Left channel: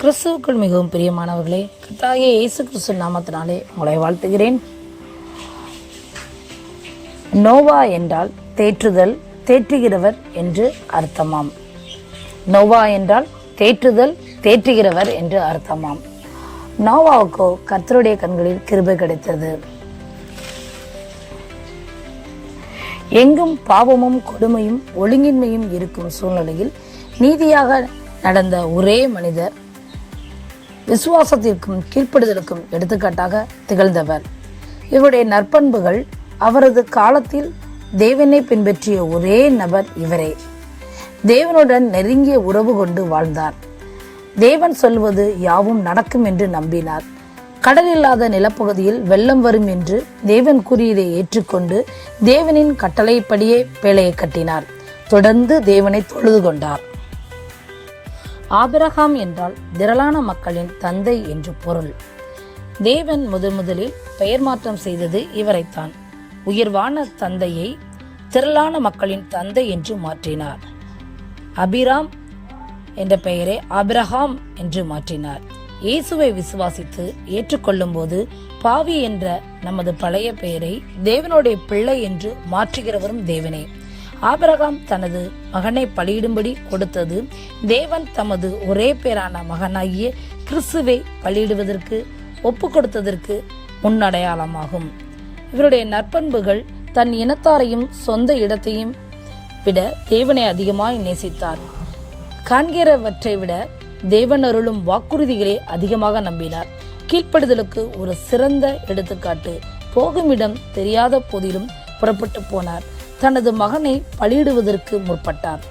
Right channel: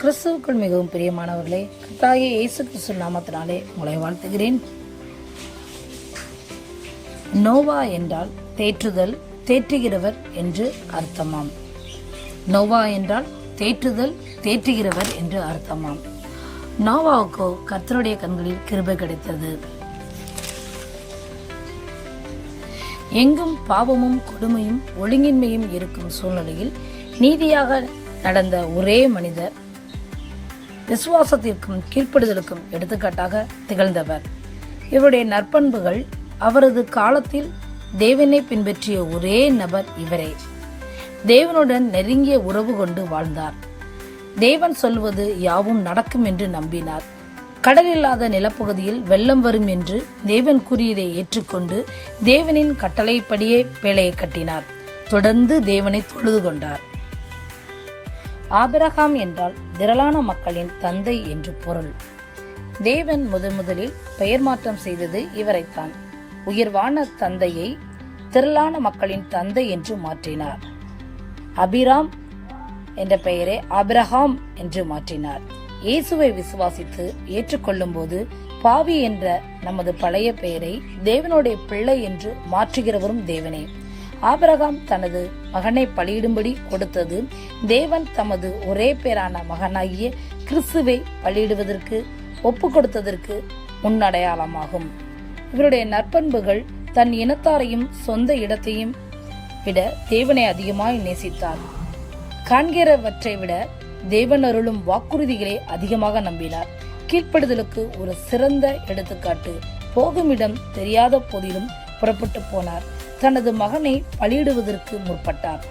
கிறிஸ்துவுக்குள் மிகவும் பிரியமானவர்களே கத்தாகிய இயேசு கிறிஸ்து நாமத்தினாலே உங்களை வாழ்த்துகிறேன். நோவா என்றால் தேற்றுதல் தேற்றுகிறவர் என்று அர்த்தமாம். நோவா என்றால் தேற்றுதல் தேற்றுகிறவர் என்று அர்த்தமாம். நோவாவுக்கோ கர்த்தருடைய கண்களில் கிருபை கிடைத்தது. எங்கும் பாவமும் கொடுமையும் ஒழுங்கின்மையும் இருக்கும் சூழ்நிலையில் நீதியாக நடந்த ஒரே மனிதர் விசுவாசத்திற்கும் கீழ்ப்படுதலுக்கும் எடுத்துக்காட்டாக திகழ்ந்தவர். இவருடைய நற்பண்புகள் அவரது காலத்தில் தேவனை பின்பற்றிய ஒரே நபர் இவரே. தேவனுடன் நெருங்கிய உறவு கொண்டு வாழ்ந்தார். தேவன் சொல்வது யாவும் நடக்கும் என்று நம்பினார். கடல் இல்லாத நிலப்பகுதியில் வெள்ளம் வரும் என்று தேவன் கூறியதை ஏற்றுக்கொண்டு தேவனின் கட்டளைப்படியே பேழையை கட்டினார். தொடர்ந்து தேவனை தொழுது கொண்டார். ஆபிரகாம் என்றால் திரளான மக்களின் தந்தை என்று பொருள். தேவன் முதன் முதலில் பெயர் மாற்றம் செய்தது இவரைத்தான். உயர்வான தந்தையை திரளான மக்களின் தந்தை என்று மாற்றினார். அபிராம் என்ற பெயரை ஆபிரகாம் என்று மாற்றினார். இயேசுவை விசுவாசித்து ஏற்றுக்கொள்ளும் போது பாவி என்ற நமது பழைய பெயரை தேவனுடைய பிள்ளை என்று மாற்றுகிறவரும் தேவனே. ஆபிரகாம் தனது மகனை பலியிடும்படி கொடுத்தது. தேவன் தமது ஒரே பேரான மகனாகிய கிறிஸ்துவை பலியிடுவதற்கு ஒப்பு கொடுத்ததற்கு முன்னடையாளமாகும். இவருடைய நற்பண்புகள் தன் இனத்தாரையும் சொந்த இடத்தையும் விட தேவனை அதிகமாய் நேசித்தார். காண்கிறவற்றை விட தேவன் அருளும் வாக்குறுதிகளை அதிகமாக நம்பினார். கீழ்ப்படுதலுக்கு ஒரு சிறந்த எடுத்துக்காட்டு போகுமிடம் தெரியாத போதிலும் புறப்பட்டு போனார். தனது மகனை பலியிடுவதற்கு முற்பட்டார்.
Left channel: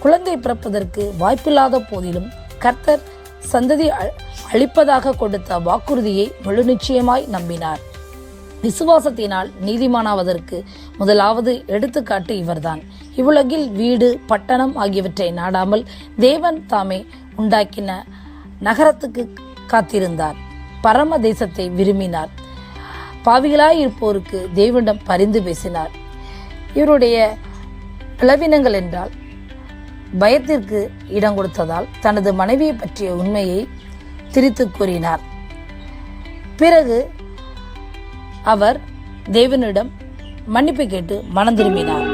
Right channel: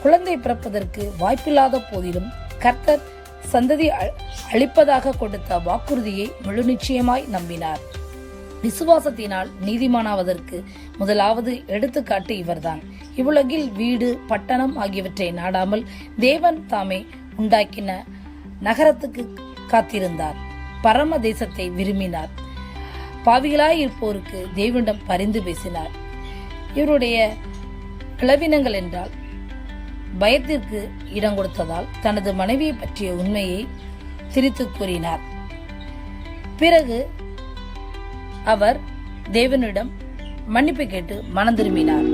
குழந்தை பிறப்பதற்கு வாய்ப்பில்லாத போதிலும் கர்த்தர் சந்ததி அ- அளிப்பதாக கொடுத்த வாக்குறுதியை முழு நிச்சயமாய் நம்பினார். விசுவாசத்தினால் நீதிமானாவதற்கு முதலாவது எடுத்துக்காட்டு இவர்தான். இவ்வுலகில் வீடு பட்டணம் ஆகியவற்றை நாடாமல் தேவன் தாமே உண்டாக்கின நகரத்துக்கு காத்திருந்தார். பரம தேசத்தை விரும்பினார். பாவிகளாய் இருப்போருக்கு தேவனிடம் பரிந்து பேசினார். இவருடைய பிளவினங்கள் என்றால் பயத்திற்கு இடம் கொடுத்ததால் தனது மனைவியை பற்றிய உண்மையை திரித்து கூறினார். பிறகு அவர் தேவனிடம் மன்னிப்பு கேட்டு மனம் திரும்பினார்.